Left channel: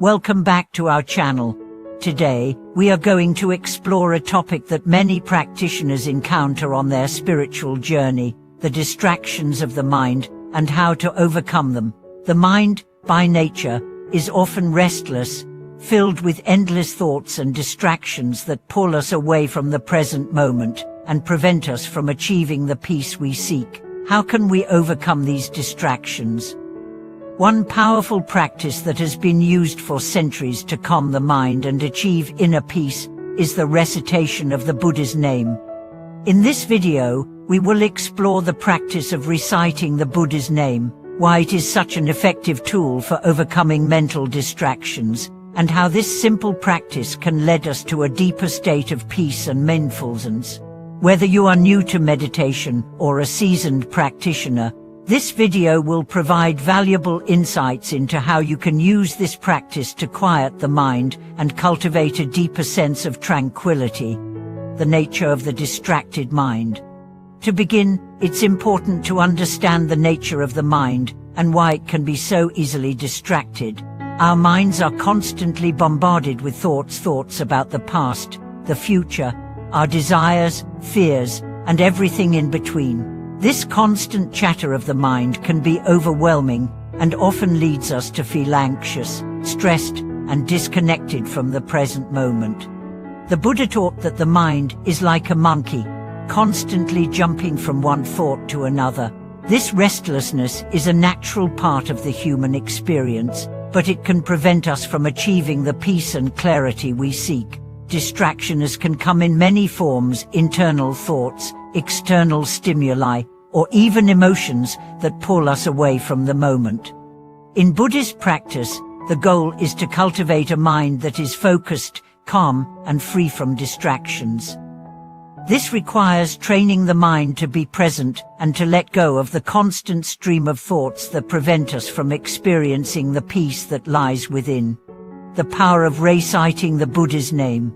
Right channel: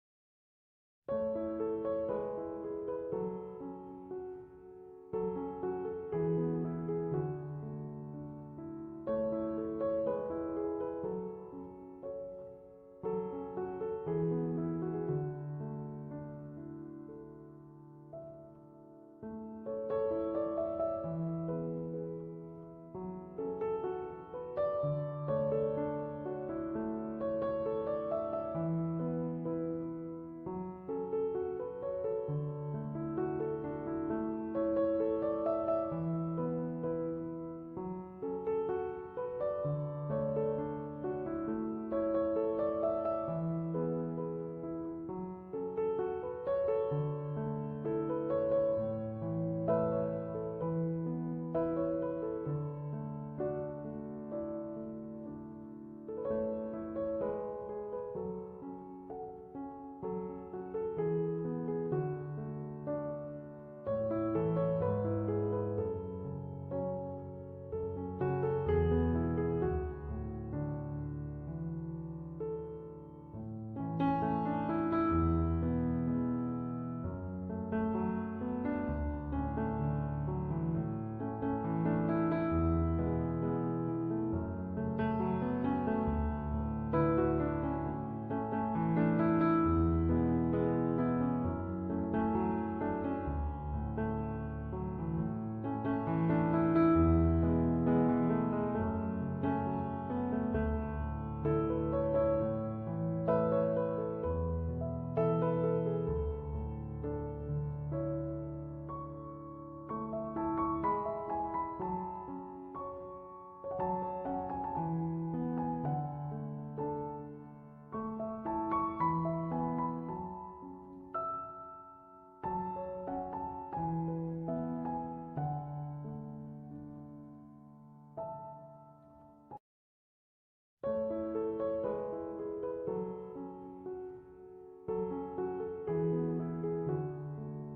Welcome back to our channel. Today, we are going to explore a topic that many practitioners encounter on their spiritual journey, the distractions of the mind, and how to overcome them. The mind, by nature, is often restless, filled with endless thoughts and distractions that pull us away from the present moment and prevent us from achieving the peace we seek. How can we overcome these distractions? One powerful practice that has been used for centuries to calm the mind and achieve inner peace is the recitation of the Buddha's name. In this video, we will explore the practice of reciting the Buddha's name, why it is such an effective tool for overcoming mental distractions, and how this simple practice can lead us to a deeper state of peace and mindfulness. Whether you are new to meditation or a seasoned practitioner, this video will provide valuable insights into how you can use this practice to quiet the mind and cultivate a deeper sense of tranquility. The nature of the distracted mind. To begin, it's important to understand the nature of the mind and why it can be so easily distracted. Our minds are constantly bombarded with thoughts about the past, the future, our desires, fears, and everything in between. This constant chatter of the mind can be overwhelming and often leads us to feel anxious, stressed, and disconnected from the present moment. The Buddha taught that the mind is like a monkey, constantly jumping from one thought to another. This restlessness is a natural part of the human experience, but it can prevent us from achieving the peace and clarity we seek. Distractions can come in many forms: internal thoughts, external stimuli, or even emotions that pull us away from the moment. In Buddhist practice, the goal is to cultivate a mind that is focused, calm, and free from distractions. This requires training the mind to be present and to let go of the constant stream of thoughts that prevent us from experiencing the peace that lies within. The power of reciting the Buddha's name.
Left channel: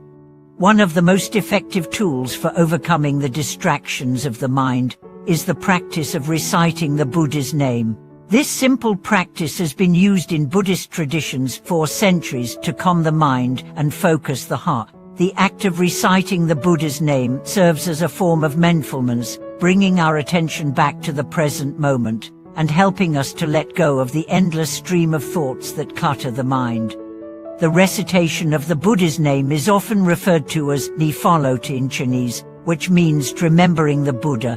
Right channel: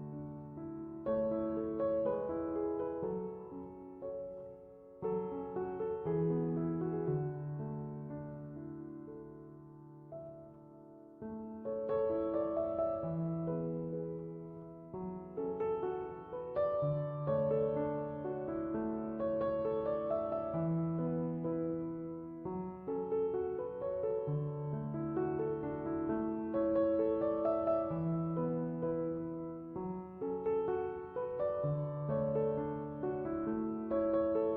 One of the most effective tools for overcoming the distractions of the mind is the practice of reciting the Buddha's name. This simple practice has been used in Buddhist traditions for centuries to calm the mind and focus the heart. The act of reciting the Buddha's name serves as a form of mindfulness, bringing our attention back to the present moment and helping us to let go of the endless stream of thoughts that clutter the mind. The recitation of the Buddha's name is often referred to as nifalo in Chinese, which means remembering the Buddha.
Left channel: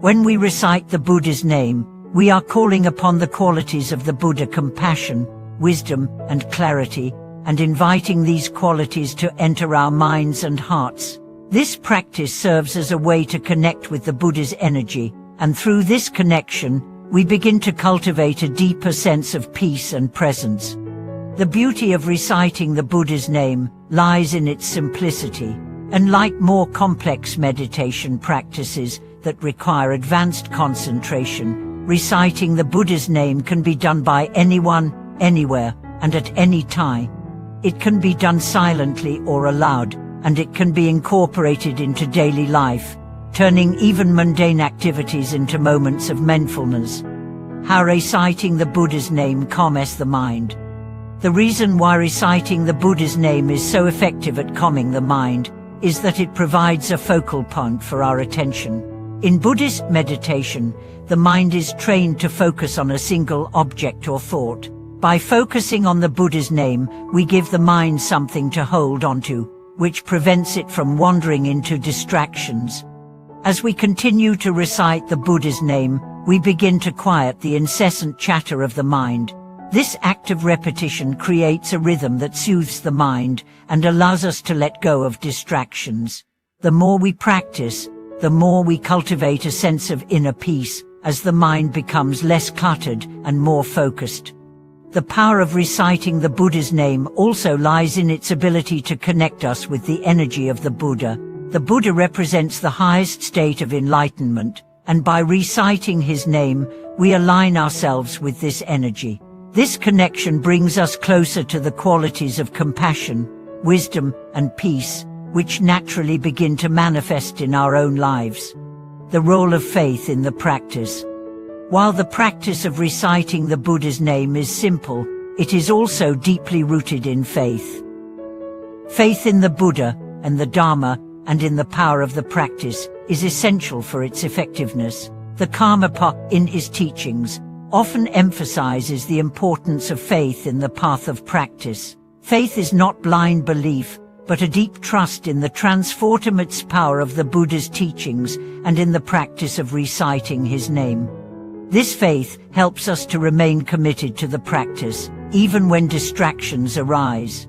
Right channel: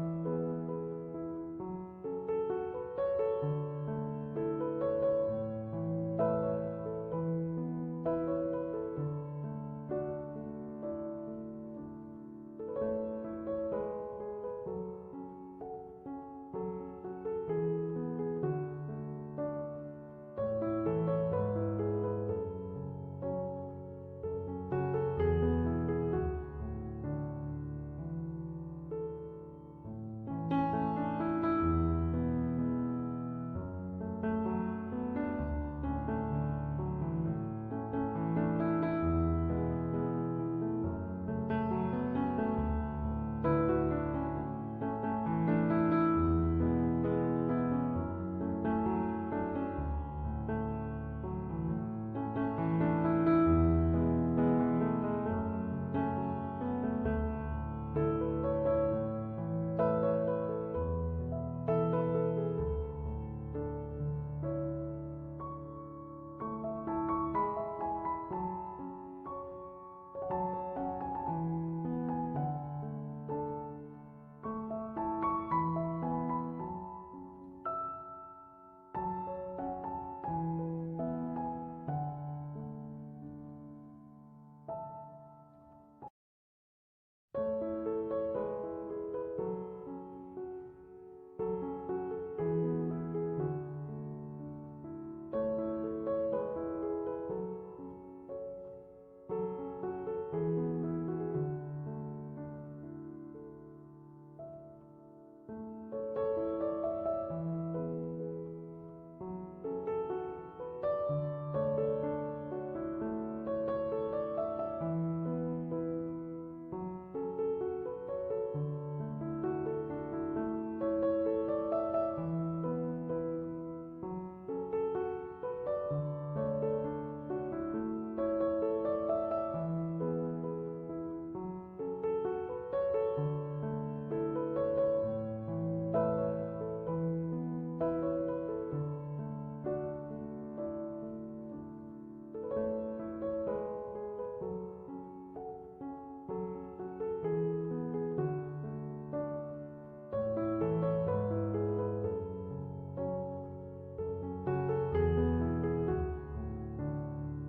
When we recite the Buddha's name, we are calling upon the qualities of the Buddha: compassion, wisdom, and clarity, and inviting these qualities to enter our minds and hearts. This practice serves as a way to connect with the Buddha's energy, and through this connection, we begin to cultivate a deeper sense of peace and presence. The beauty of reciting the Buddha's name lies in its simplicity. Unlike more complex meditation practices that require advanced concentration, reciting the Buddha's name can be done by anyone, anywhere, and at any time. It can be done silently or aloud, and it can be incorporated into daily life, turning even mundane activities into moments of mindfulness. How reciting the Buddha's name calms the mind. The reason why reciting the Buddha's name is so effective at calming the mind is that it provides a focal point for our attention. In Buddhist meditation, the mind is trained to focus on a single object or thought. By focusing on the Buddha's name, we give the mind something to hold onto, which prevents it from wandering into distractions. As we continue to recite the Buddha's name, we begin to quiet the incessant chatter of the mind. This act of repetition creates a rhythm that soothes the mind and allows us to let go of distractions. The more we practice, the more we cultivate a sense of inner peace, as the mind becomes less cluttered and more focused. The power of reciting the Buddha's name also lies in its ability to connect us with the energy of the Buddha. The Buddha represents the highest state of enlightenment, and by reciting his name, we align ourselves with this energy. This connection brings us closer to the qualities of compassion, wisdom, and peace, which naturally begin to manifest in our own lives. The role of faith in the practice. While the practice of reciting the Buddha's name is simple, it is also deeply rooted in faith. Faith in the Buddha and the Dharma and in the power of the practice is essential for its effectiveness. The Karmapa, in his teachings, often emphasizes the importance of faith in the path of practice. Faith is not blind belief, but a deep trust in the transformative power of the Buddha's teachings and in the practice of reciting his name. This faith helps us to remain committed to the practice, even when distractions arise.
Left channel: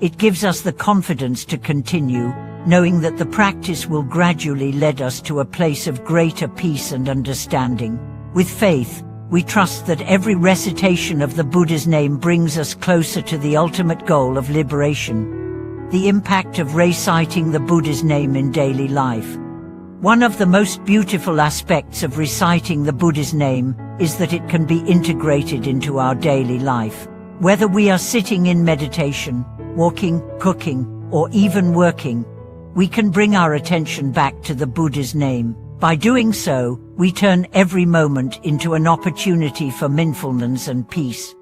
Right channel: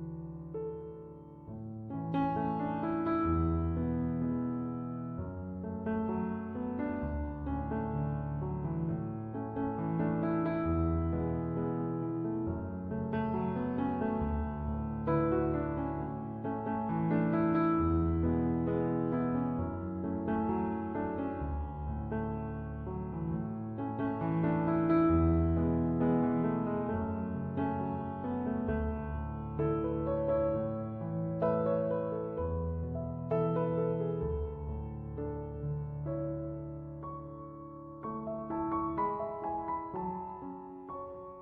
It gives us the confidence to continue, knowing that the practice will gradually lead us to a place of greater peace and understanding. With faith, we trust that every recitation of the Buddha's name brings us closer to the ultimate goal of liberation. The impact of reciting the Buddha's name in daily life. One of the most beautiful aspects of reciting the Buddha's name is that it can be integrated into our daily life. Whether we are sitting in meditation, walking, cooking, or even working, we can bring our attention back to the Buddha's name. By doing so, we turn every moment into an opportunity for mindfulness and peace.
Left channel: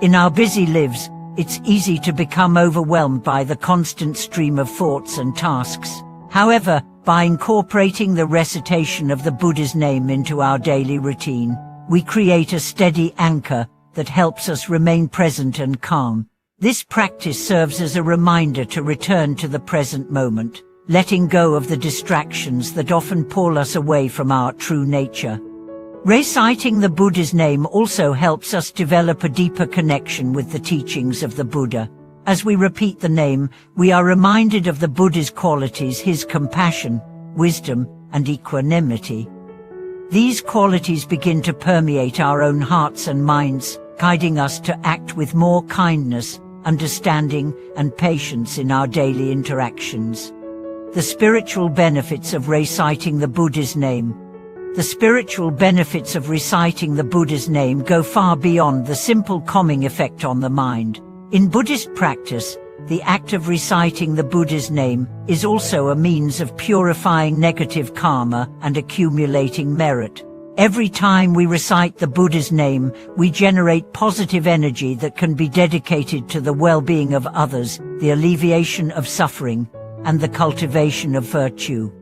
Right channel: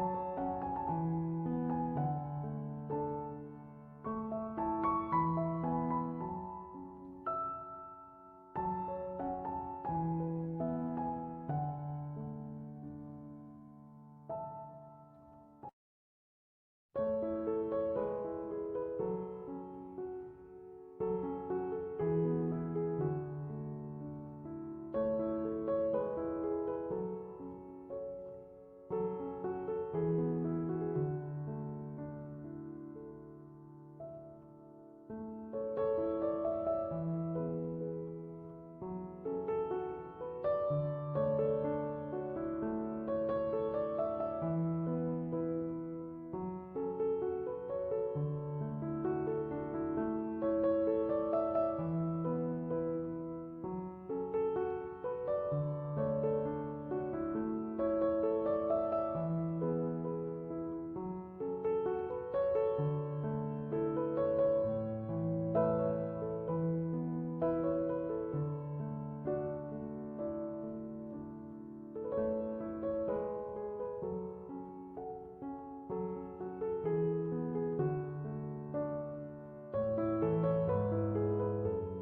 In our busy lives, it's easy to become overwhelmed by the constant stream of thoughts and tasks. However, by incorporating the recitation of the Buddha's name into our daily routine, we create a steady anchor that helps us remain present and calm. This practice serves as a reminder to return to the present moment, letting go of the distractions that often pull us away from our true nature. Reciting the Buddha's name also helps us develop a deeper connection with the teachings of the Buddha. As we repeat the name, we are reminded of the Buddha's qualities, his compassion, wisdom, and equanimity. These qualities begin to permeate our own hearts and minds, guiding us to act with more kindness, understanding, and patience in our daily interactions. The spiritual benefits of reciting the Buddha's name. The spiritual benefits of reciting the Buddha's name go far beyond the simple calming effect on the mind. In Buddhist practice, the act of reciting the Buddha's name is also a means of purifying negative karma and accumulating merit. Every time we recite the Buddha's name, we generate positive energy that can be dedicated to the well-being of others, the alleviation of suffering, and the cultivation of virtue.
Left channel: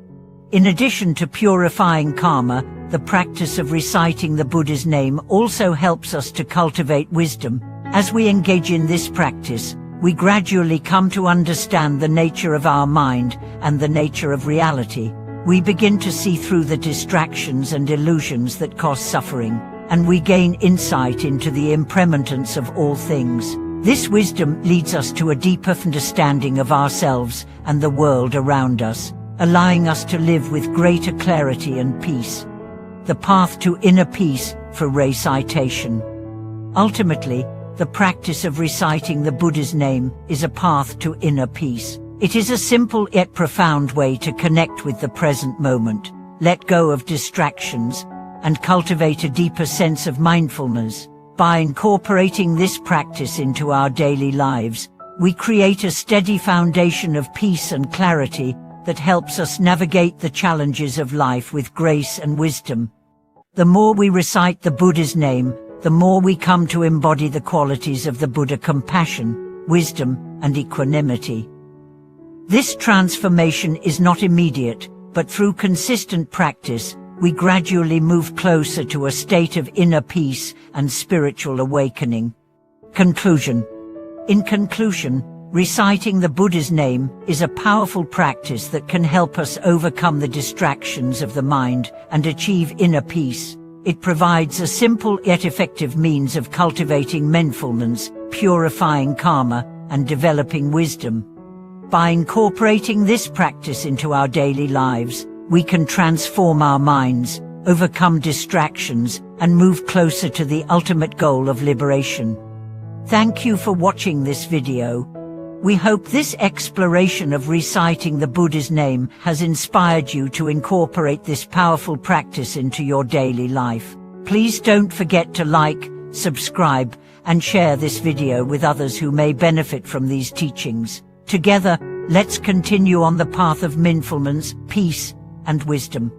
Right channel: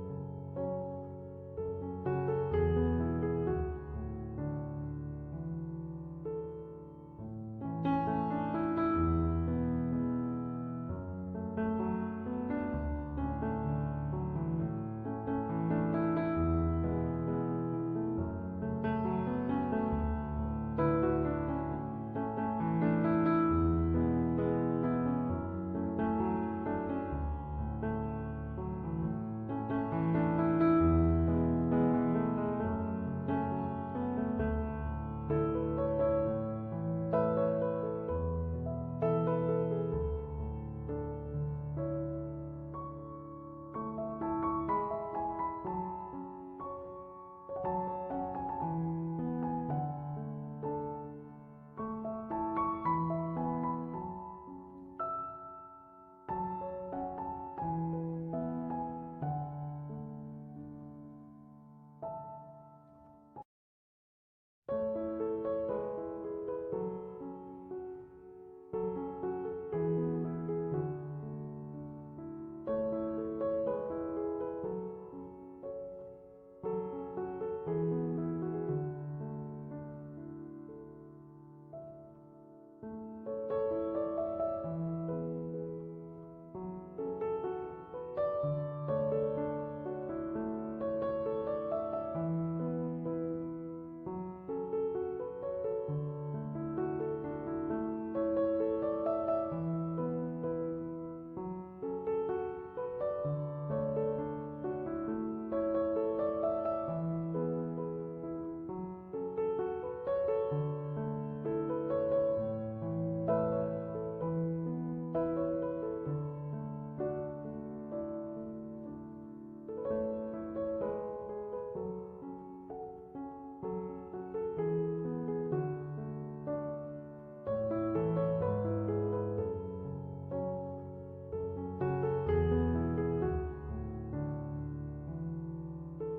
In addition to purifying karma, the practice of reciting the Buddha's name also helps us to cultivate wisdom. As we engage in this practice, we gradually come to understand the nature of our mind and the nature of reality. We begin to see through the distractions and illusions that cause suffering, and we gain insight into the impermanence of all things. This wisdom leads us to a deeper understanding of ourselves and the world around us, allowing us to live with greater clarity and peace. The path to inner peace for recitation. Ultimately, the practice of reciting the Buddha's name is a path to inner peace. It is a simple yet profound way to connect with the present moment, let go of distractions, and cultivate a deeper sense of mindfulness. By incorporating this practice into our daily lives, we create a steady foundation of peace and clarity that helps us navigate the challenges of life with grace and wisdom. The more we recite the Buddha's name, the more we come to embody the qualities of the Buddha: compassion, wisdom, and equanimity. This transformation is not immediate, but through consistent practice, we gradually move closer to a state of inner peace and spiritual awakening. Conclusion. In conclusion, reciting the Buddha's name is a powerful practice that can help us overcome the distractions of the mind and achieve inner peace. It provides a simple yet effective means of cultivating mindfulness, purifying karma, and developing wisdom. By incorporating this practice into our daily lives, we can transform our minds, overcome distractions, and move closer to the ultimate goal of liberation. Thank you for watching this video. We hope this exploration of reciting the Buddha's name has inspired you to incorporate this powerful practice into your daily life. Please don't forget to like, subscribe, and share this video with others who may benefit from these teachings. Together, let's continue on the path of mindfulness, peace, and wisdom.